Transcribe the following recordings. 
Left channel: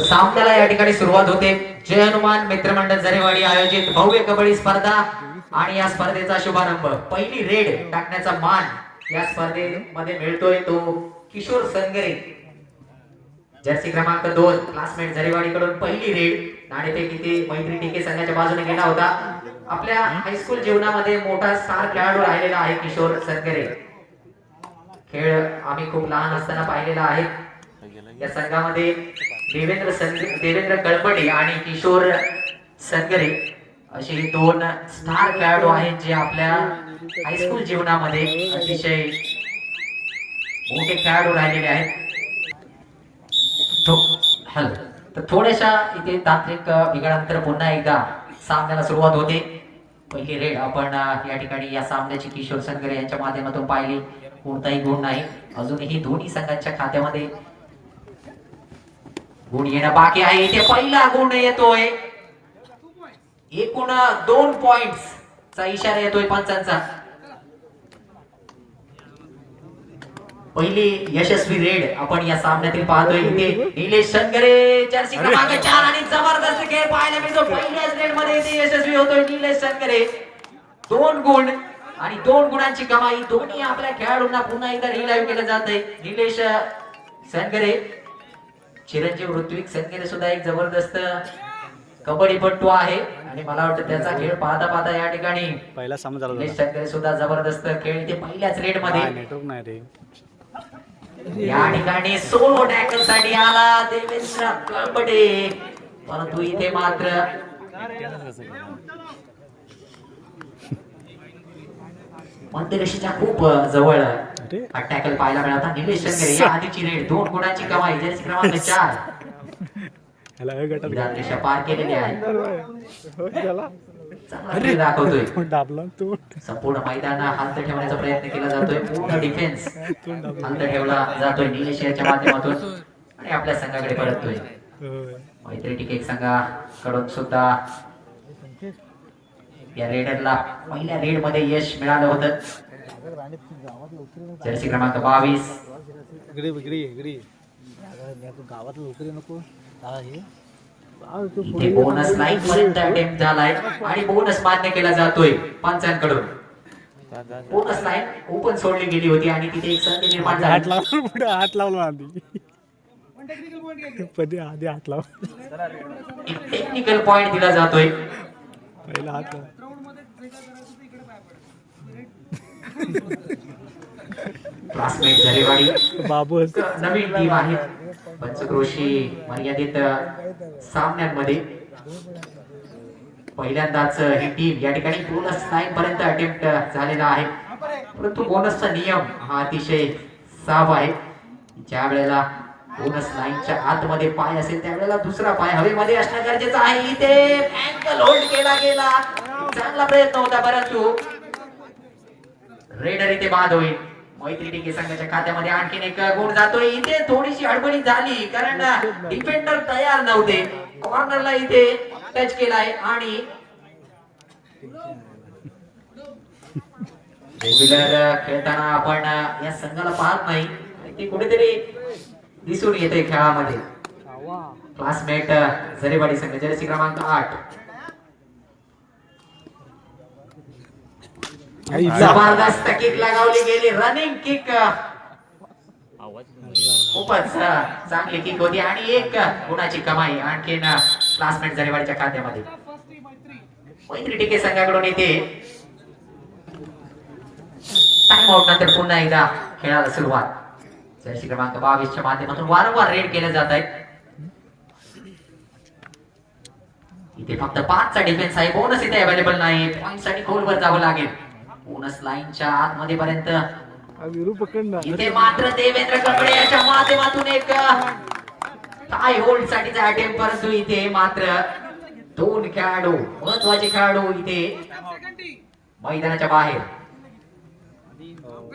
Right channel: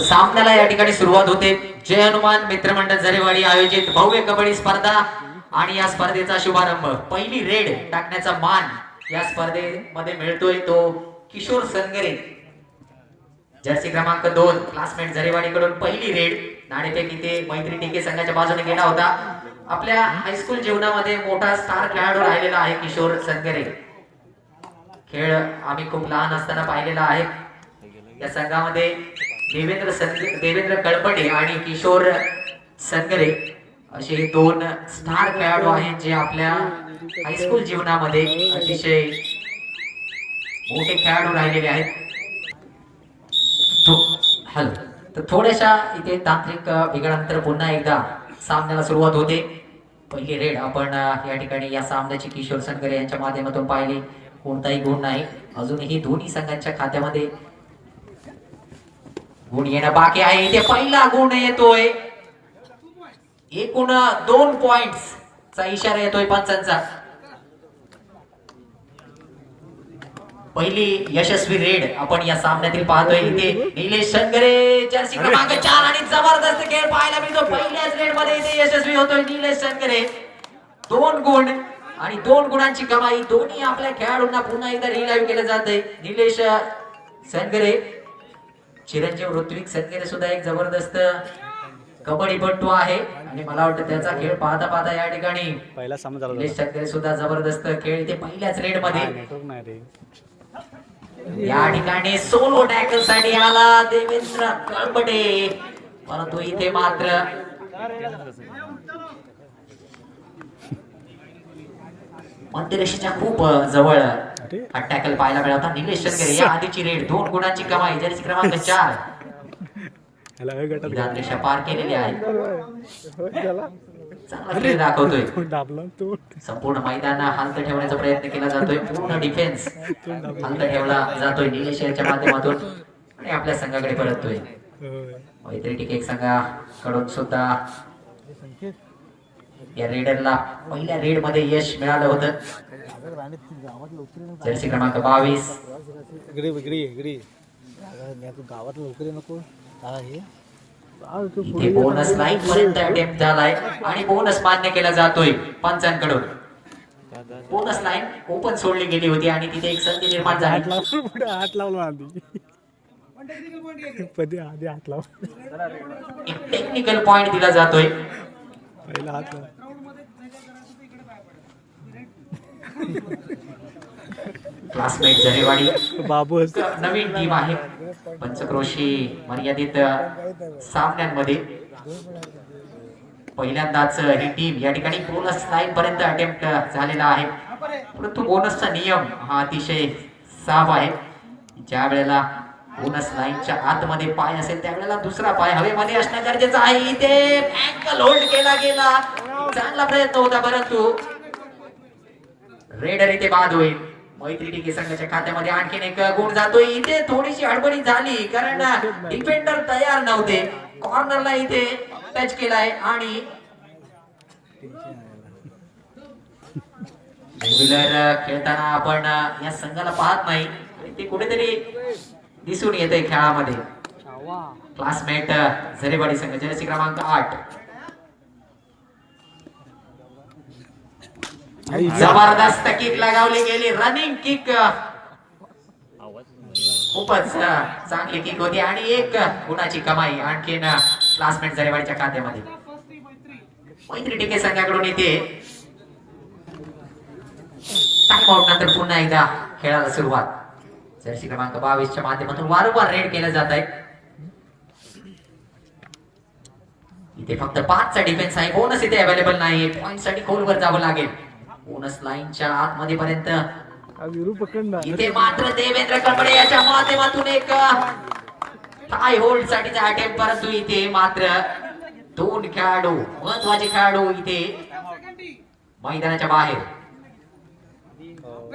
सामन्याला या ठिकाणी सुरुवात होते. जय हनुमान मित्रमंडळ झरेवाडी आयोजित भव्य कबड्डी स्पर्धा आणि या स्पर्धेचा शुभारंभ पहिली रेड टाकण्याचा मान या स्पर्धेमध्ये मिळतोय तो किशोर संगरे जर्सी क्रमांक 2 क्लासमेट झरेवाडी कडून पहिली रेड नाणेफेक इथे मैत्री टीके संघाच्या बाजूने गेला होता. आपल्या हायस्कूल जीवनामध्ये मोठा स्टार खेळाडू राहिलेला आहे किशोर संगरे. खेळ आम्ही खूप लहान असताना पाहिलेला आहे. या संघामध्ये देवेंद्र कळपडे आणि किशोर संगरे असे दोन स्टार खेळाडू आहेत जे आपल्या हायस्कूल जीवनामध्ये अतिशय मोठे खेळाडू राहिलेले आहेत. तर थोड्याशा इथे तांत्रिक बिघाडानंतर पुन्हा एकदा सामन्याला सुरुवात होते. पहिली रेड आपण या ठिकाणी या सामन्याची किशोर संगरे यांच्या माध्यमातून पाहिली. कोणताही गुण नाही. अजूनही दोन्ही संघांच्या खात्यामध्ये गुण येणं बाकी आहे. इथे पहिला गुण येतोय. एकूण 2 पॉइंट्स चा इशारा येतोय पंचांचा. पहिली यशस्वी रेड आपण या सामन्यातील पाहतोय. इथे निलेश संगरे जर्सी क्रमांक 4 आणि जबरदस्त खेळ पाहायला मिळतो. पहिल्याच रेड मध्ये इथे यशस्वी होतोय निलेश संगरे. 2 गुण आणि 2 गुणांची कमाई. दोन्ही आपल्या खेळाडूंना पुन्हा एकदा रिलाईव्ह केलं जाते. निलेश संगरे, चिरंजीव ऋत्विक संगरे सुद्धा एक जबरदस्त कबड्डीपटू आहे आणि मला वाटतं त्याचा खेळ पाहता पाहता या ठिकाणी पहिला सामना झाला. निलेश संगरे सुद्धा जबरदस्त खेळ इथे पहिल्याच रेड मध्ये. या ठिकाणी सोलो टॅकल साठी आला देवेंद्र कळपडे, परंतु इथे मात्र मध्यरेषेच्या खूप जवळ हा टॅकल पाहायला मिळाला. निलेश संगरे या आधीची रेड 2 गुणांची कमाई. जर्सी क्रमांक 4 रेषा पार केलेली आहे. दाखवतोय संपूर्ण मैदान हालत ठेवण्याचा प्रयत्न केला जातोय. पूर्ण डिफेन्स हालत ठेवला जातोय निलेश यांच्या माध्यमातून आणि आपल्या संघाकडे परततोय. मैत्री टिके संघाकडून सुद्धा या रेडरला पहिल्या रेड मध्ये यश मिळालं होतं. जर्सी क्रमांक 22 गावात लवकर नको. बोनस लाईन पर्यंत अटेम्प्ट झालाय आणि बोनस मान्य केला जातोय पंचांकडून. बोनस लाईन ओपन सोडली गेली होती आणि तिथे एक संधी निर्माण झाली. हात लावला आधी हात लाव. टेक्निकल पॉइंट दिला जातोय. पहिला हात क्लासमेट झरेवाडी बाबू नवीन टीम आहे. पंचक्रोशी मर्यादित सामन्यांमध्ये पहिल्यांदाच ही टीम या ठिकाणी बोनस लाईन पर्यंत अटेम्प्ट झालेला आहे. परंतु बोनसचा नियम हा अतिशय साफ आहे. ज्या वेळेला बोनस लाईनच्या आतमध्ये पाय असेल त्यावेळेला दुसरा पाय हवेमध्ये असणं गरजेचं आहे. इथे अँकल होल्ड केला गेला. चांगला प्रयत्न होता परंतु रेडर इथे बाद होईल. मैत्री टीके संघाच्या खात्यामध्ये आणखीन एक गुण जातोय. इथे थोडीशी हडबडी झाली कारण डिफेंडर तयार नव्हते. कॉर्नरला इथे टच केलाय आणि रेग्युलर खेळताना आपण या संघाला पाहत नाही. ते कुठेतरी दिसून येते खेळामध्ये. क्लासमेट झरेवाडी संघ जर्सी क्रमांक 8 जबरदस्त किक लगावली गेली. रनिंग किक खूपच चांगली किक होती आणि 1 गुणाची कमाई आणखीन क्लासमेट झरेवाडीच्या खात्यामध्ये. मैत्री टीके संघाकडून इथे टाइम आउट नंतर पुन्हा एकदा खेळाला सुरुवात. जर्सी क्रमांक 22 च्या माध्यमातून वारंवार रेड केले जात आहे. इथे फक्त 5 चा डिफेन्स आहे. बोनस इथे अवेलेबल नाही. पॉइंट साठी खोलवर जावं लागेल. बोनस लाईनच्या आतमध्ये पर्यंत इथे मात्र देवेंद्र कळपडे याच्या माध्यमातून एक टाय होल्ड साठीचा अटेम्प्ट, परंतु इथे मात्र 2 खेळाडू महत्वाचे खेळाडू इथे मैदानाच्या बाहेर.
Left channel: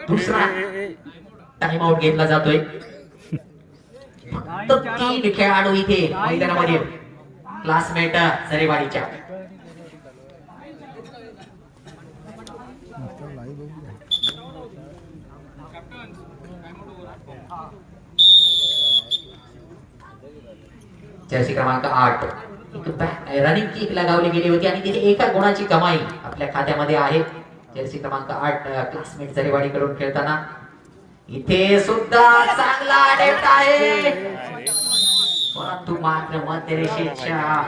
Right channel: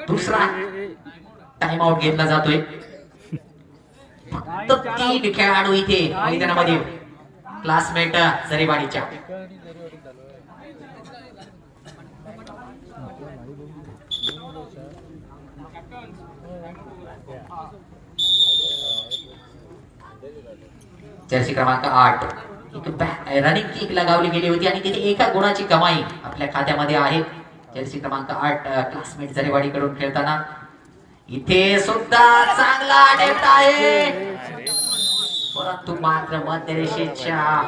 दुसरा टाइम आउट घेतला जातोय. 3 खेळाडू इथे मैदानामध्ये क्लासमेट झरेवाडीच्या. जर्सी क्रमांक 8 रनिंग किक लगावली गेली होती आणि तिथे एका गुणाची कमाई आपल्या खात्यामध्ये आहे. जर्सी क्रमांक 8 क्लासमेट जरेवाडी कडून खेळताना इथे सुद्धा चांगला अटेम्प्ट आहे, परंतु मात्र मध्यरेषेच्या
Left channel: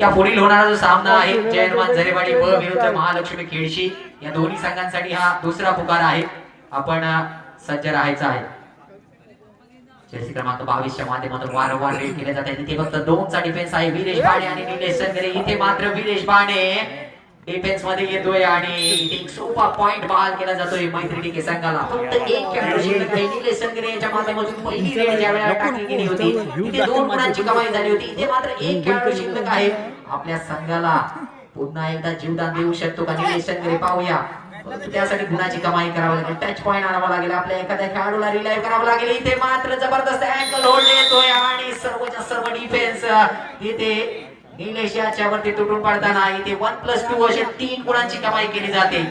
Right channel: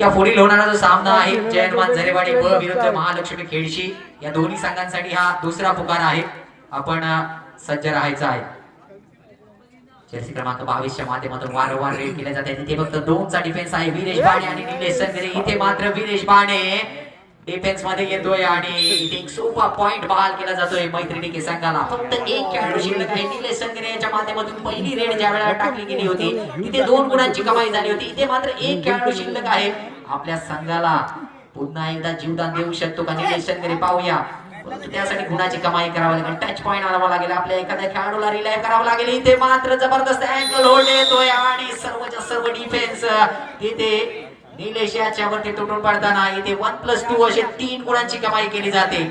या पुढील होणारा जो सामना आहे जय हनुमान जरेवाडी ब विरुद्ध महालक्ष्मी खेळशी, या दोन्ही संघांसाठी हा दुसरा पुकार आहे. आपण सज्ज राहायचं आहे. जर्सी क्रमांक 22 च्या माध्यमातून वारंवार रेड केले जात आहे. इथे फक्त 2 चा डिफेन्स आहे, वीरेश बाणे आणि निलेश संगरे. इथे मात्र वीरेश बाणे डिफेन्स मध्ये येतोय आणि एक सोपा पॉइंट बहाल केला जातोय मैत्री टीके संघाला. फक्त एक खेळाडू शिल्लक आहे. निलेश संगरे यांच्या माध्यमातून पहिली रेड ज्या वेळेला टाकली गेली होती तिथे 2 गुणांची कमाई झाली होती. इथे मात्र एक खेळाडू शिल्लक आहे. आपल्या संघाला पुन्हा एकदा जीवदान देऊ शकतो का निलेश संगरे, पाहूया. त्यासाठी गुणाची कमाई करावी लागेल, टच पॉइंट आणावा लागेल, आपल्या एखाद्या खेळाडूला रिलाइव्ह करावं लागेल. इथे मात्र जबरदस्त अँकल होल्ड येतोय आणि सर्वच्या सर्व डिफेन्स इथे निलेश याच्या वरती तुटून पडताना इथे 1+2 असे 3 गुणांची कमाई केली जाते.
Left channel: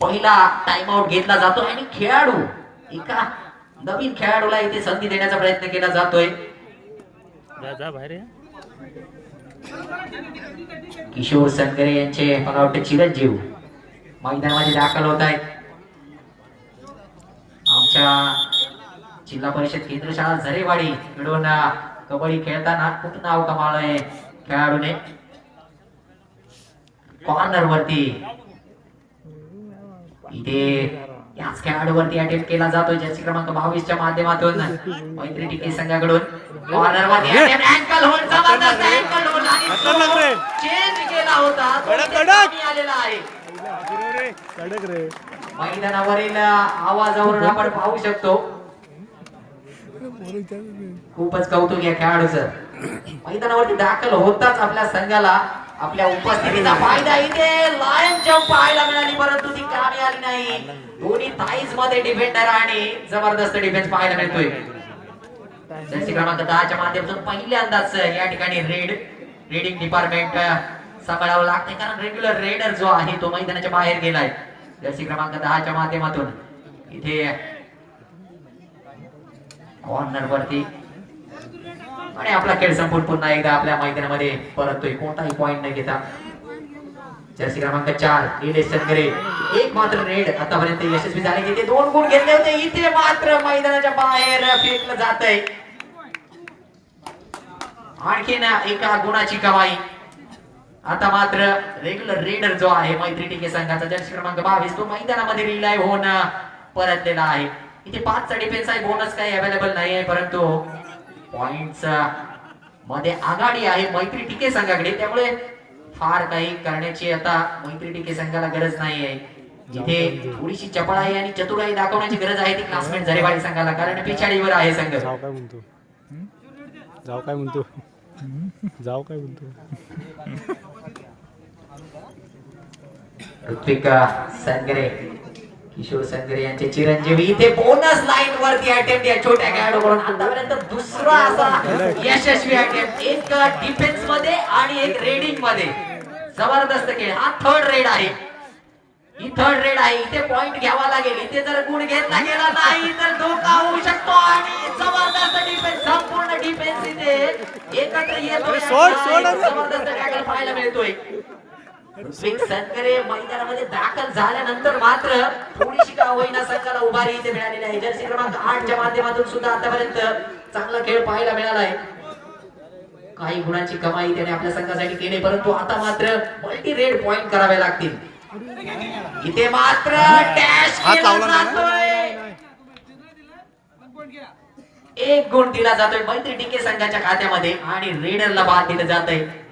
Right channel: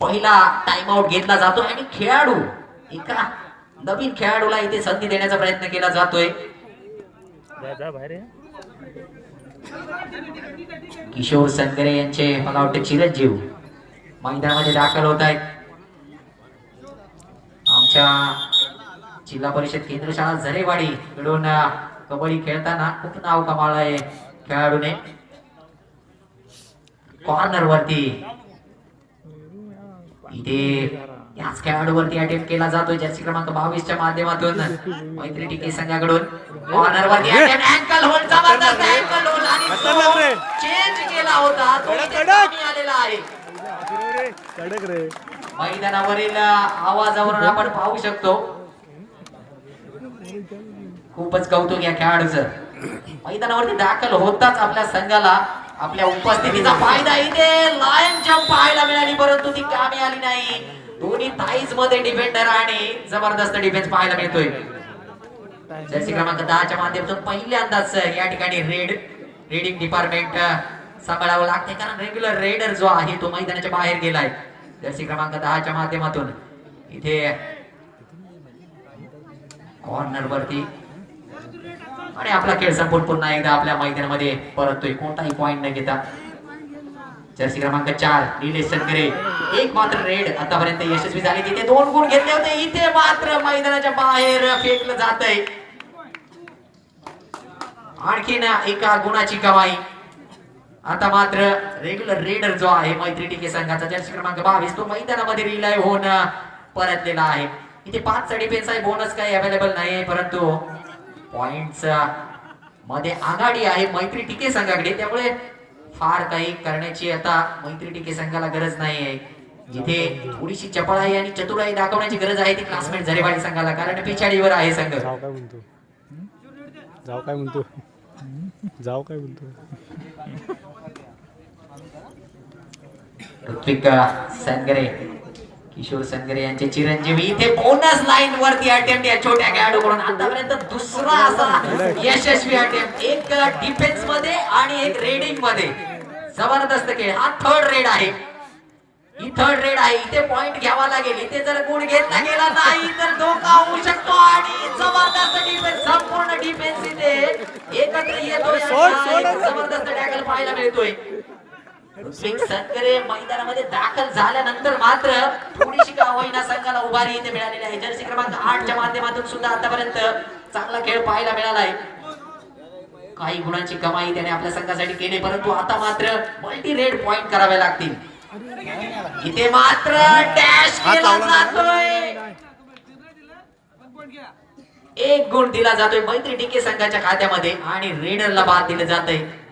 पहिला टाइम आउट घेतला जातो आणि खेळाडू एका नवीन खेळाडूला इथे संधी देण्याचा प्रयत्न केला जातोय. किशोर संगरे यांचे मला वाटतं चिरंजीव मैदानामध्ये दाखल होत आहेत. आमच्या जिल्हा परिषद केंद्र शाळा झरेवाडी मिळून कबड्डी खेळताना खूप नाव कमावलं आहे खेळाडूने. कॉर्नर वरती इथे याच खेळाडूवरती अटेम्प्ट केला जातोय जर्सी क्रमांक 22 च्या माध्यमातून मैत्री टीके संघाकडून. कॉर्नर वरती अँकल होल्ड, जबरदस्त अँकल होल्ड आणि चेंज केला होता, आलेला आहे. कडक रे. मैदानावरील आवाजावरून आपण पाहू शकतो. खूपच कौतुक या खेळाडूचं. मैदानावरती दाखल होताच आपल्या संघाला आपल्या उपस्थितीचा फायदा इथे लायन जंप पाहायला मिळाली, परंतु ती कामी आली नाही. दोन्ही थाईज मध्ये डिफेंडर आणि जबरदस्त डिफेन्स पाहायला मिळतोय. जर्सी क्रमांक 10 च्या माध्यमातून पहिल्यांदाच या ठिकाणी रेडिंग डिपार्टमेंट सांभाळावं लागते, कारण रेग्युलर रेडर जो आहे तो मैदानाच्या बाहेर गेलाय. जर्सी क्रमांक 10 च्या माध्यमातून इथे कॉर्नर वरती आणि आपला खेळ संपून पुन्हा एकदा आपल्या मैदानामध्ये परततोय, कोणताही पॉइंट न घेता. जर्सी क्रमांक 4 निलेश संगरे एक मात्र रेड आतापर्यंत यशस्वी झाले. तिथे 2 गुण घेतले होते, इथे मात्र मैदानाच्या बाहेर फेकलं जात आहे. आणखीन एका गुणाची कमाई. आता मात्र रेग्युलर रेडर जो आहे मैत्री टीके संघाचा जर्सी क्रमांक 22 तो मैदानामध्ये रिलाइव्ह होऊन परतलेला आहे. इथे 5 चा डिफेन्स आहे, बोनस काही अवेलेबल नाही आहे, परंतु पॉइंट्स मध्ये आघाडी आहे मैत्री टीके संघाकडे. त्यामुळे फार काही करण्याची आता मैत्री टीके संघाला गरज नाही आहे. इथे थोडीशी चपळाई आणि चतुराई दाखवण्याची गरज आहे ती क्लासमेट झरेवाडी संघाला, कारण पिछाडीवर आहे संघ. जाऊ काय म्हणतो, जाऊ काय म्हणतो, जाऊ काय म्हणतो. ऋत्विक संगरे, किशोर संगरे यांचे चिरंजीवी इथे बोनस लाईन वरती अटेम्प्ट या छोट्या खेळाडूकडून आतापर्यंत दुसरा असा यशस्वी अटेम्प्ट, एक डिफेन्स मध्ये आणि एक रेडिंग मध्ये. जबरदस्त खेळ. हा 3rd रेड आहे, ही 3rd रेड आहे. इथे पॉइंट घ्यावा लागेल. इथे जर गुण घेतला गेला नाही तर धोका होऊ शकतो आणि जबरदस्त डिफेन्स, संपूर्ण डिफेन्स इथे एकत्र येतोय. जबरदस्त टॅकल पाहायला मिळतोय. संगरे मैदानामध्ये दाखल झाल्यानंतर मात्र थोडीशी का होईना संघाला उभारी इथे मिळालेली आहे. जर्सी क्रमांक 8 च्या माध्यमातून सुद्धा आतापर्यंत चांगला खेळ पाहायला मिळाला आहे. काही गुणांची कमाई त्याने आपल्या संघासाठी केली, परंतु आता मात्र मल्टी रेड पॉइंट करावे लागतील. इथे मात्र डॅश केला जातोय, 1 गुण दिला जातोय मैत्री टीके संघाच्या खात्यामध्ये आणि रेडरला बाद दिलं जात आहे.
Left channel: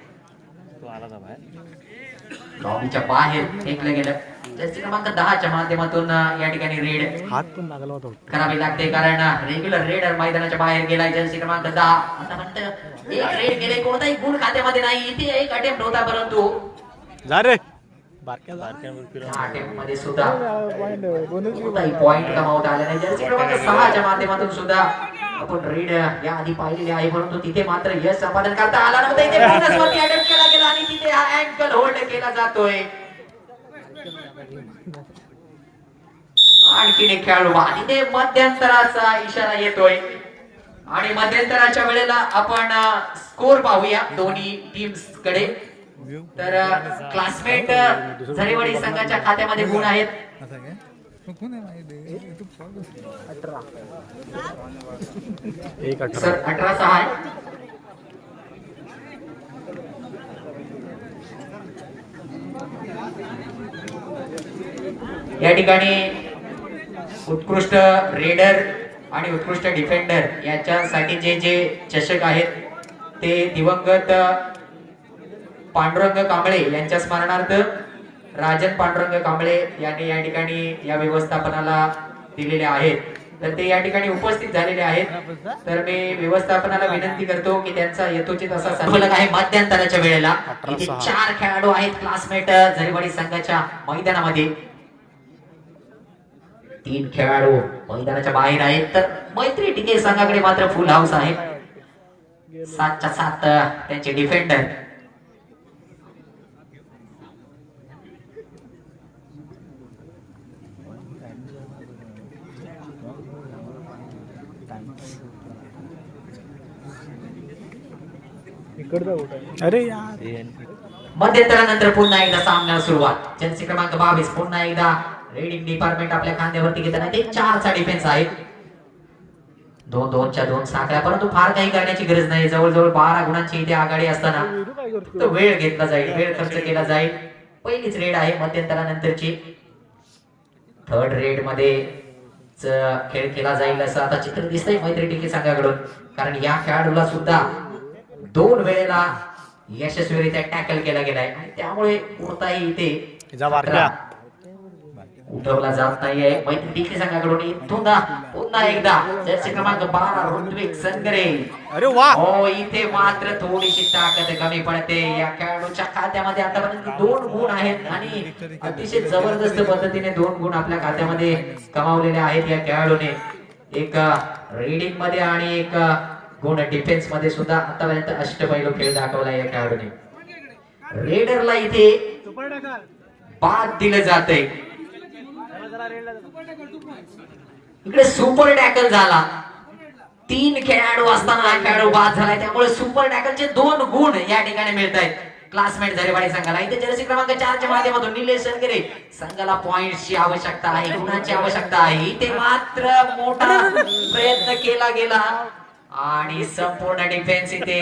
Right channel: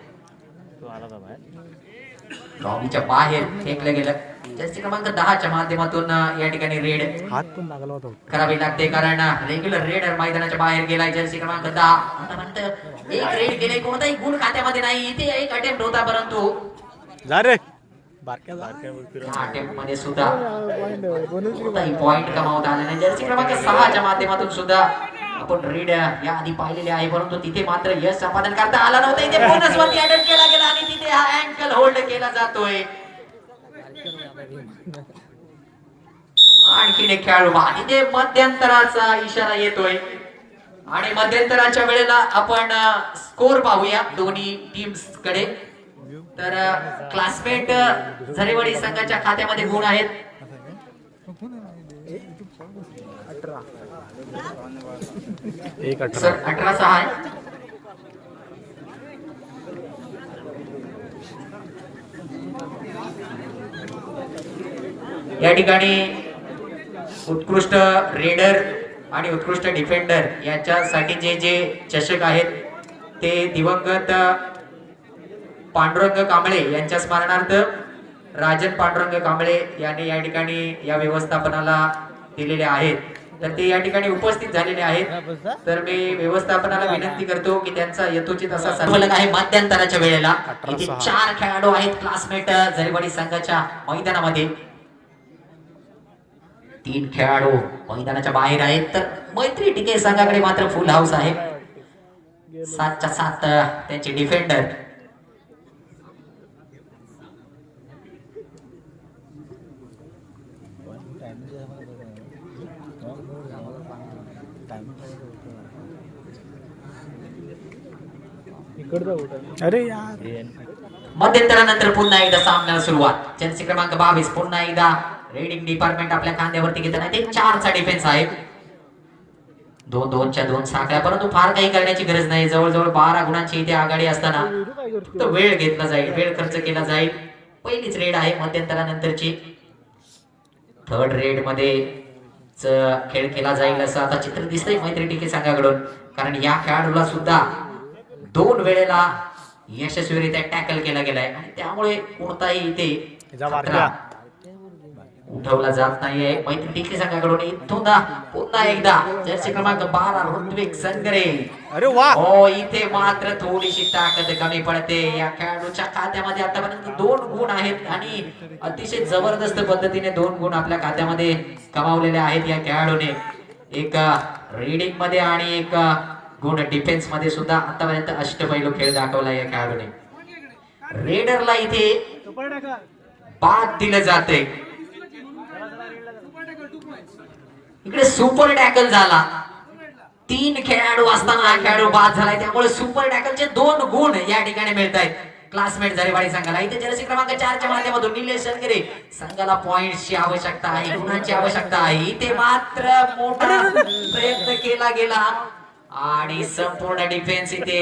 लॉबीच्या बाहेर फेकलं गेलं. जर्सी क्रमांक 10 च्या माध्यमातून या ठिकाणी रेड हात पण लागला होता करावी लागते, कारण रेग्युलर रेडर मैदानाच्या बाहेर गेलाय. जर्सी क्रमांक 10 आतापर्यंत एक रेड गेले, कोणताही गुण खात्यामध्ये नाही. इथे एक अटेम्प्ट होता, परंतु जा रे बारक्या अटेम्प्ट मध्ये सुद्धा कोणताही पॉइंट कमावता आले नाही. जर्सी क्रमांक 6 च्या माध्यमातून सुद्धा आपण रेड या आधी पाहिलेले आहे, परंतु तिथे मात्र यश संपादन करता आला नव्हता. इथे बोनस वरती अटेम्प्ट केला गेला आणि आणि तिथे हा अँकल होल्ड केला जातोय. आणखीन एक खेळाडू तिथे मध्यंतराचा इशारा येतोय आणि मध्यंतराच्या वेळेला आपण स्कोर पाहूया दोन्ही टीम्स कडे. तर क्लासमेट झरेवाडी संघाच्या खात्यामध्ये गुण आहेत 18-6 आहे. या ठिकाणी उत्कृष्ट रेडर आणि उत्कृष्ट डिफेंडर यांच्यासाठी जे जे चषक आहेत ते दिवंगत पांडुरंग कांबळे यांच्या स्मरणार्थ राजन पांडुरंग कांबळे यांनी या ठिकाणी या व्यवस्थापनाला दिलेले आहेत. तर ते या ठिकाणी उपस्थित झालेले आहेत. तर मी व्यवस्थापनाला विनंती करतो की त्यांचा यथोचित असा संकल्प आहे. मध्यंतराच्या वेळेला 4 खेळाडू आहेत क्लासमेट झरेवाडी संघाच्या मैदानामध्ये. 3 खेळाडू मैदानाच्या बाहेर आहेत. तर मैत्री टिके संघाकडे मात्र फुल हाऊस आहे. 7च्या 7 त्यांचे डिफेंडर. अरे यार मध्यंतरानंतर पुन्हा एकदा सामन्याला सुरुवात. जर्सी क्रमांक 22 पुन्हा एकदा रेडिंग डिपार्टमेंट आपल्या खांद्यावरती घेताना ते 4चा डिफेन्स आहे. 2-2च्या 2 साखळ्या, परंतु फार काही करण्याची गरज नाही. जवळजवळ 12 गुणांची इथे आघाडी असताना तो वेळ घेतला जाईल, वेळ खर्च केला जाईल. पहिलीच रेड आहे मध्यंतरानंतरची. 3rd रेड मध्ये खेळ केला जाईल असं आता चित्र दिसतंय मैत्री टिके संघाकडून. कारण या खेळाडूला सुद्धा 2 वेळेला यशस्वीरित्या टॅकल केला गेलाय आणि त्यामुळे कोणताही इथे उठवला जात नाहीये. मैत्री टिके संघाकडून इथून पुन्हा एकदा जर्सी क्रमांक 12 ऋत्विक संगरे. अरे वा, हो इथे मात्र थोडीशी ताकद कमी पडते. या खेळाडूच्या खात्यामध्ये आतापर्यंत 2 गुण आहेत आणि अतिशय जबरदस्त पद्धतीने 2 गुण आपल्या खात्यामध्ये कमावलेले आहेत या खेळाडूने. एक रीडिंग मध्ये आणि एक गुण डिफेन्स मध्ये सुद्धा आतापर्यंत अष्टपैलू खेळ दाखवला या खेळाडूने. रेडरला इथे बाद दिलं जाते. इकडे सुपर टॅकल झाला. 3 खेळाडू असताना हा खेळाडू बाद झालाय. त्यामुळे सुपर टॅकलचे 2 गुण या ठिकाणी मिळत आहेत क्लासमेट झरेवाडी संघाला. इथे जर्सी क्रमांक 4च्या माध्यमातून निलेश संगरे संघाला पॉइंटची आवश्यकता आहे, गुणांची आवश्यकता आहे. इथे मात्र मोठा प्रयत्न केला गेला आणि संपूर्ण डिफेन्स इथे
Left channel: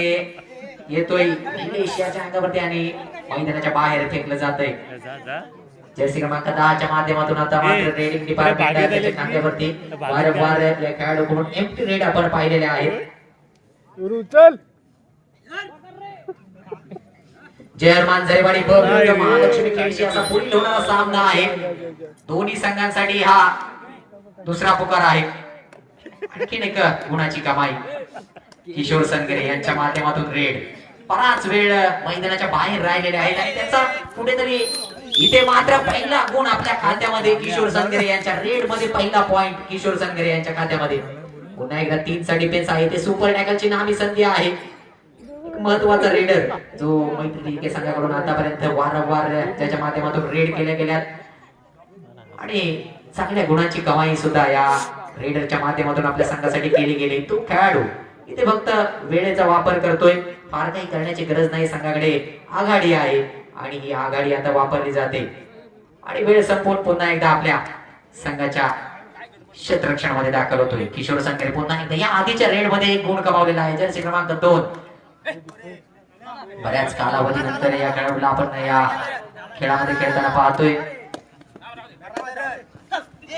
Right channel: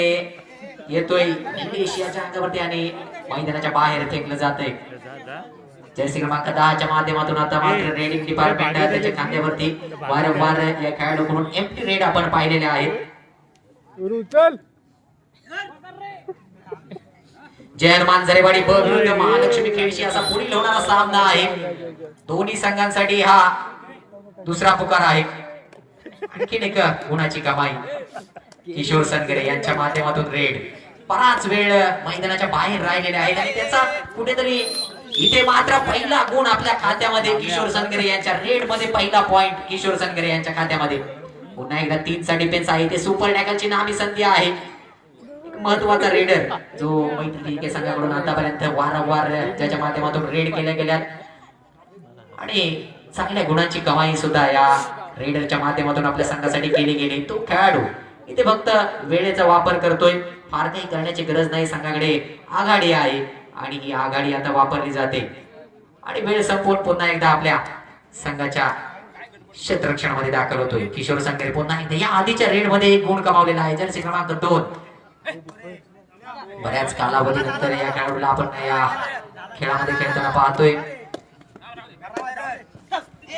येतोय निलेश याच्या अंगावरती आणि मैदानाच्या बाहेर फेकलं जातंय. जर्सी क्रमांक 10च्या माध्यमातून आता मात्र रेडिंग डिपार्टमेंट त्याच्या खांद्यावरती वारंवार या खेळाडूकडून एम्प्टी रेड आपण पाहिलेले आहेत. जयरमान झरेवाडी ब विरुद्ध महालक्ष्मी खेळशी असा पुढील होणारा सामना आहे. दोन्ही संघांसाठी हा दुसरा पुकार आहे. आणखीन एक गुणाची कमाई किशोर संगरे यांच्या माध्यमातून रेड. बराच वेळ मैदानाच्या बाहेर राहिलेले आहेत आणि त्याचा कुठेतरी इथे मात्र पहिला गुण आपल्या खात्यामध्ये किशोर संगरे यांच्या रेड मध्ये पहिला पॉइंट किशोर संगरे यांच्या खात्यामध्ये. पुन्हा एकदा 3चा डिफेन्स आहे. ते सुपर टॅकलची नामी संधी आहे. महत्वाचा रेडर जो मैत्री टिके संघाकडून आतापर्यंत वारंवार त्याच्या माध्यमातून रेड केल्या गेल्यात आणि चांगल्या गुणांची कमाई सुद्धा या रेडरच्या माध्यमातून आपल्या संघासाठी केली गेली. तो खेळाडू इथे फक्त वेळेचा वापर करतोय. फार काही करण्याची गरज नाही. संघाकडे आघाडी आहे आणि ही आघाडी आता वापरली जाते आणि वेळ संपवून पुन्हा एकदा आपल्या संघाच्या क्षेत्ररक्षणामध्ये दाखल होतोय किशोर संगरे. पुन्हा एकदा या आधीच्या रेड मध्ये एक गुण कमावलेला आहे. जर्सी क्रमांक 2. बऱ्याच कालावधीनंतर या खेळाडूला आपण या खेळामध्ये खेळताना पाहतोय.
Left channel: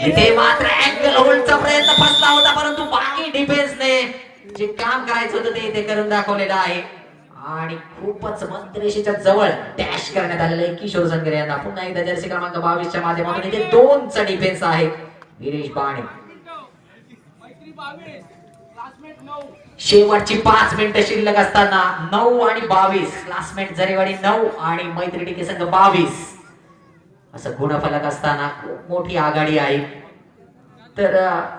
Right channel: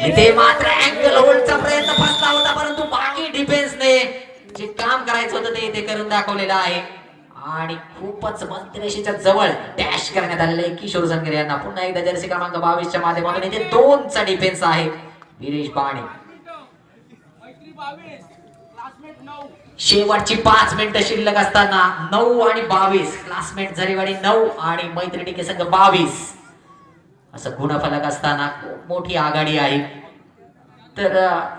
इथे मात्र अँगल होल्डचा प्रयत्न फसला होता, परंतु बाकी डिफेन्सने जे काम करायचं होतं ते इथे करून दाखवलेलं आहे आणि खूपच मध्यरेषेच्या जवळ डॅश करण्यात आलेलं आहे किशोर संगरे यांना. पुन्हा एकदा जर्सी क्रमांक 22च्या माध्यमातून इथे 2चा डिफेन्स आहे गिरीश बाणे. शेवटची 5 मिनिटं शिल्लक असताना 9 आणि 22 क्लासमेट झरेवाडी 9 आणि मैत्री टिके संघ 22 असं गुणफलक असताना खूप मोठी आघाडी आहे. तर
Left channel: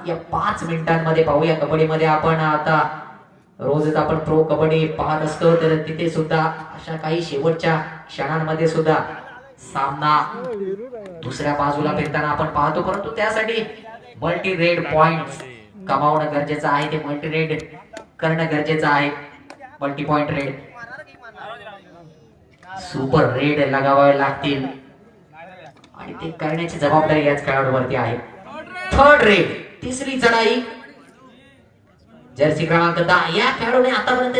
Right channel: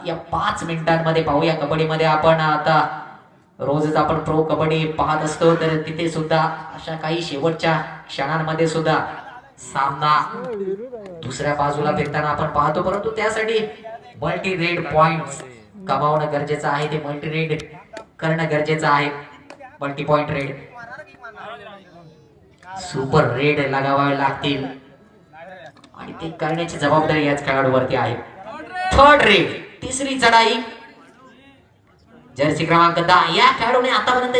या 5 मिनिटांमध्ये पाहूया कबड्डीमध्ये आपण आता रोजच आपण प्रो कबड्डी पाहत असतो, तर तिथे सुद्धा अशा काही शेवटच्या क्षणांमध्ये सुद्धा सामना दुसऱ्या बाजूला फिरताना आपण पाहतो, परंतु त्यासाठी मल्टी रेड पॉइंट कमावणं गरजेचं आहे. ते मल्टी रेड करणं गरजेचं आहे. Multi point raid, super raid लगावावे लागतील आणि ते करण्याची जबाबदारी याच खेळाडूवरती आहे. थर्ड रेड, तिसरी चढाई, जर्सी क्रमांक 10 या खेळाडूने आतापर्यंत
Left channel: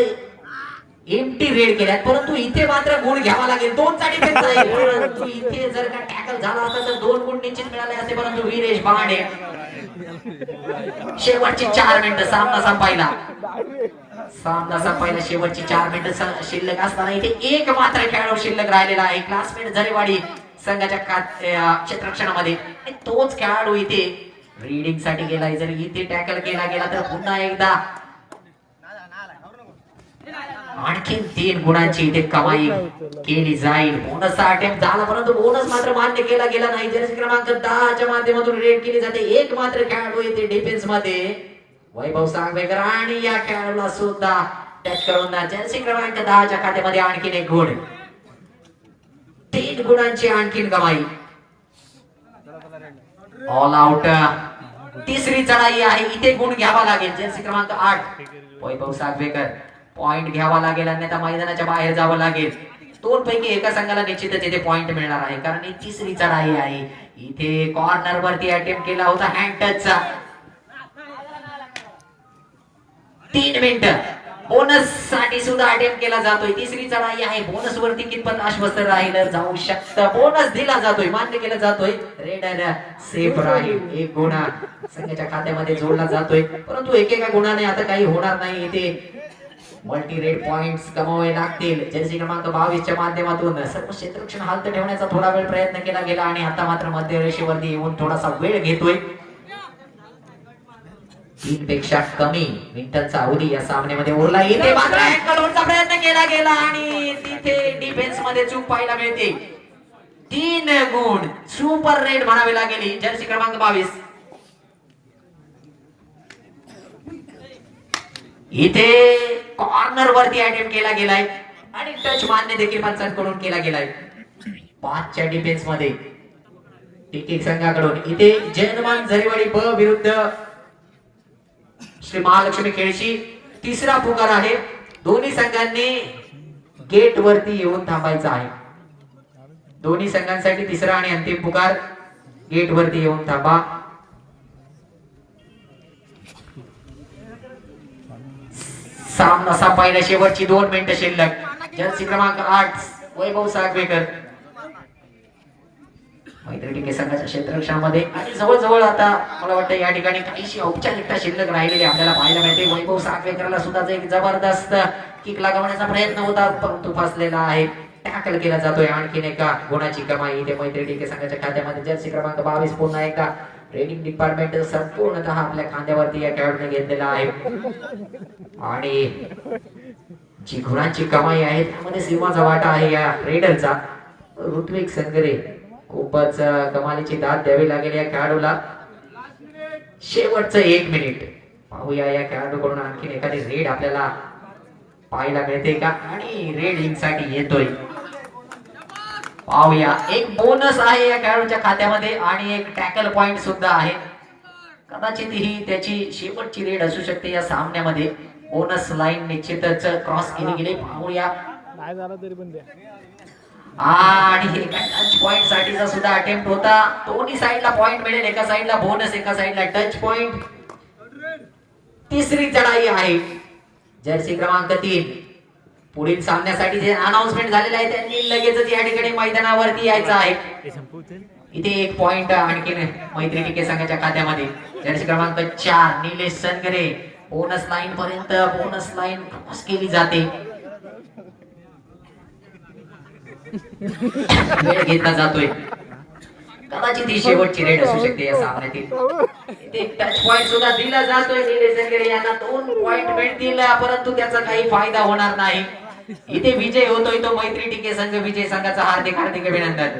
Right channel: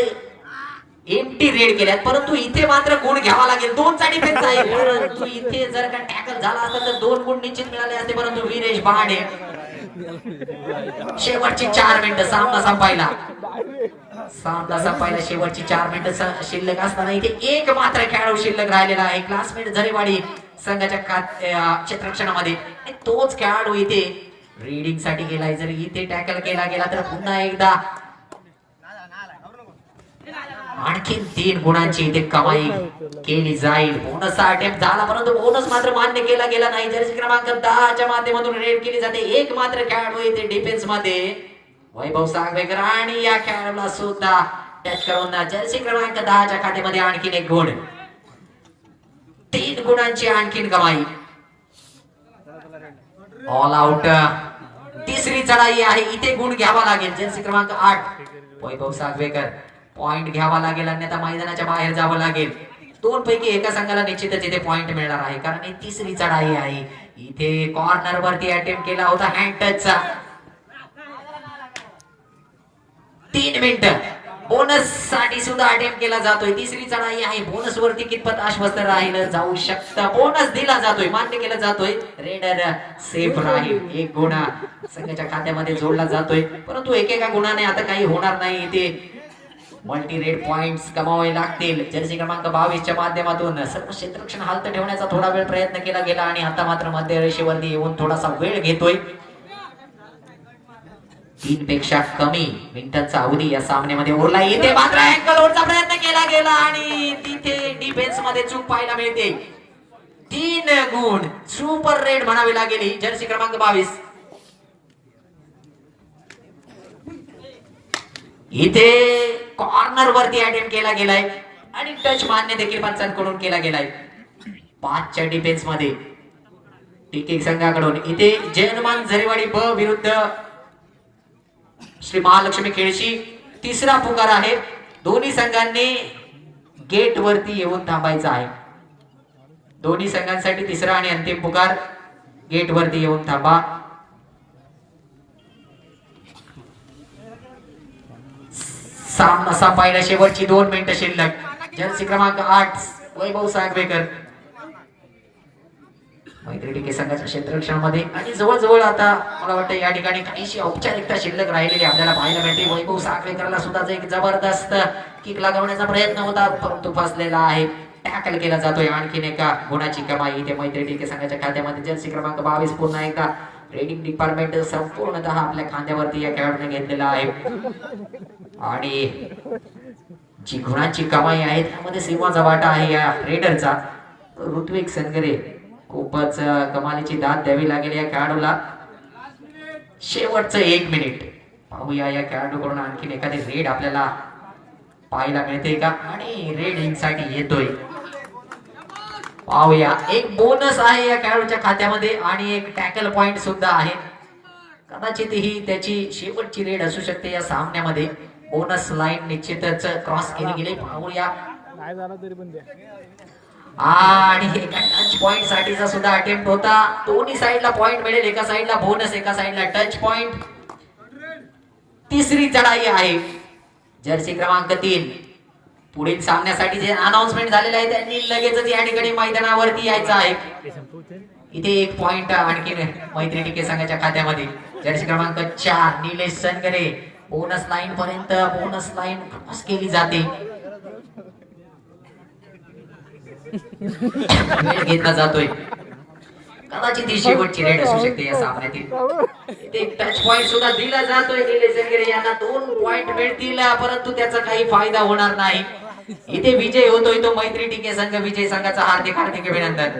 एम्प्टी रेड केल्यात, परंतु इथे मात्र गुण घ्यावा लागेल. 2 चा डिफेन्स आहे, परंतु इथे जर का टॅकल झाला असता तर 2 गुण निश्चित मिळाले असते, परंतु वीरेश बहाडे शेवटची 4 मिनिटं सामना संपायला शेवटची 4 मिनिटं शिल्लक असताना इथे एक मात्र खेळाडू शिल्लक राहिलेला आहे क्लासमेट झरेवाडी संघाच्या क्षेत्ररक्षणामध्ये. तोच खेळाडू इथे रीडिंग साठी गेलाय. जर इथे टॅकल केला गेला तर पुन्हा एकदा आणखीन 3 गुणांची इथे कमाई केली जाईल. बोनसचा अटेम्प्ट झाला, परंतु बोनस मात्र मान्य केला गेला नाही. जर्सी क्रमांक 10 च्या माध्यमातून रेड केली जाते. एक मात्र खेळाडू इथे डिफेन्स मध्ये वैभव सांगवेकर आणि या खेळाडूला सुद्धा टच करून जर्सी क्रमांक 10 च्या खात्यामध्ये आणखीन एक गुण. 3 गुणांची आणखीन कमाई. ऑल आउट, तिसरी चढाई आहे. इथे गुण घ्यावा लागेल. जर्सी क्रमांक 8 वैभव सांगवेकर पॉइंट घ्यावा लागेल, अन्यथा मैदानाच्या बाहेर जावं लागेल. 2 पैकी एका संघाला निश्चितच इथे पॉइंट मिळणार आहे, कारण ही तिसरी चढाई आहे. इथे कॉर्नर वरती अटेम्प्ट केला होता हँड टचचा. 3 मिनिटं बोनस साठी सुद्धा अटेम्प्ट केला जातोय. तिसरी चढाई आहे. बोनस वरती कितपत आश्वस्त राहिलं जाऊ शकतं. बोनस दिला जातोय, मान्य केला जातोय. रेडर सेफ राहील. 1 गुण संघाच्या खात्यामध्ये जोडला जातोय, परंतु एकेका गुणाने आता काही होणार नाही. इथे मल्टी रेड पॉइंट्स कमावे लागतील. जर्सी क्रमांक 22 च्या माध्यमातून सर्व क्षेत्ररक्षण हालत ठेवण्याचा थोडा वेळ प्रयत्न केला गेला आणि आता मात्र मध्यरेषेवरती येऊन थोडासा वेळ घेतोय. 3 पेक्षा कमी मिनिटांचा अवधी या सामन्यामध्ये उरला. इथे मात्र अँकल होल्डचा प्रयत्न केला गेला आणि तिथे डिफेन्स मध्ये चूक पाहायला मिळते. 3 गुण, सुपर रेड म्हणावी लागेल जर्सी क्रमांक 22. इथे कॉर्नर वरती अटेम्प्ट केला गेलाय आणि टच मान्य देखील पंचांकडून केला गेलाय. 5 च्या डिफेन्स मध्ये टिकिक संघाकडून. इथे जयनमान झरेवाडी ब विरुद्ध श्री महालक्ष्मी खेळशी तिसरा पुकार आहे. दोन्ही संघांनी गेट वरती येऊन थांबायचं आहे. दोन्ही संघांसाठी तिसरा आणि अंतिम पुकार, गेट वरती येऊन थांबा. सामना संपायला शेवटची 2 मिनिटं शिल्लक. जर्सी क्रमांक 8 वैभव सांगवेकर मैत्री संघाच्या क्षेत्ररक्षणामध्ये आणि जवळजवळ आता मला वाटतं या ठिकाणी काहीशी औपचारिकता शिल्लक राहिलेली आपल्याला पाहायला मिळते. वैभव सांगवेकरला सुद्धा एक जबरदस्त किक लागवण्याचा प्रयत्न होता, परंतु फसलेला आहे. टॅकल केला जातोय. आणखीन एका गुणाची कमाई इथे मैत्री संघाच्या खात्यामध्ये. जर्सी क्रमांक 22 पुन्हा एकदा रेडिंग डिपार्टमेंट संपूर्णतः आपल्या खांद्यावरती या खेळाडूने घेतलेला आहे आणि जी गुणांची कमाई आहे त्यामध्ये सिंहाचा वाटा आहे या रेडरचा. ऋत्विक संगरे खूपच कमालीची दाद द्यावी लागेल या खेळाडूला. शेवटचं 1 मिनिट पाहूया या खेळाडूकडून आणखीन एखादी रेड आपल्याला पाहायला मिळते का आणि रेड इनसाठी येतोय. पाहूया. एक बोनस आहे या खेळाडूच्या खात्यामध्ये आणि एक टॅकल पॉइंट सुद्धा आहे. कदाचित ही त्याची शेवटची रेड असू शकते या सामन्यामध्ये. बोनस लाईन निश्चितच क्रॉस केली गेली. पाहूया नाही झाला तरी पण द्या. आणि टच पॉइंट साठीचा सुद्धा अटेम्प्ट होता. दोन्ही साइडला पॉइंट मिळेल. एका साइडला बोनस, एका साइडला टच पॉइंट. तिसरी चढाई आहे. जर्सी क्रमांक 3 पुढील सामन्यासाठी जे अनाउन्समेंट झालेलं आहे त्यांनी लगेचच या ठिकाणी मैदानावरती यायचं आहे. इथे 1 पॉइंट आणखी मैत्री टिके संघाच्या खात्यामध्ये. जर्सी क्रमांक 4 निलेश सनगरे बोनस लाईन पर्यंत बोनस लाईन क्रॉस केली जाते. घेतला जातोय. कदाचित ही शेवटची रेड असू शकते या सामन्यातील. इथे टच पॉइंट सुद्धा दिला जातोय. निलेश सनगरे यांना 2 पॉइंट मिळतील, परंतु त्याचा काही फायदा होणार नाही. इथे विजय होतोय तो मैत्री टिके संघ. विजय संघाचा हार्दिक अभिनंदन.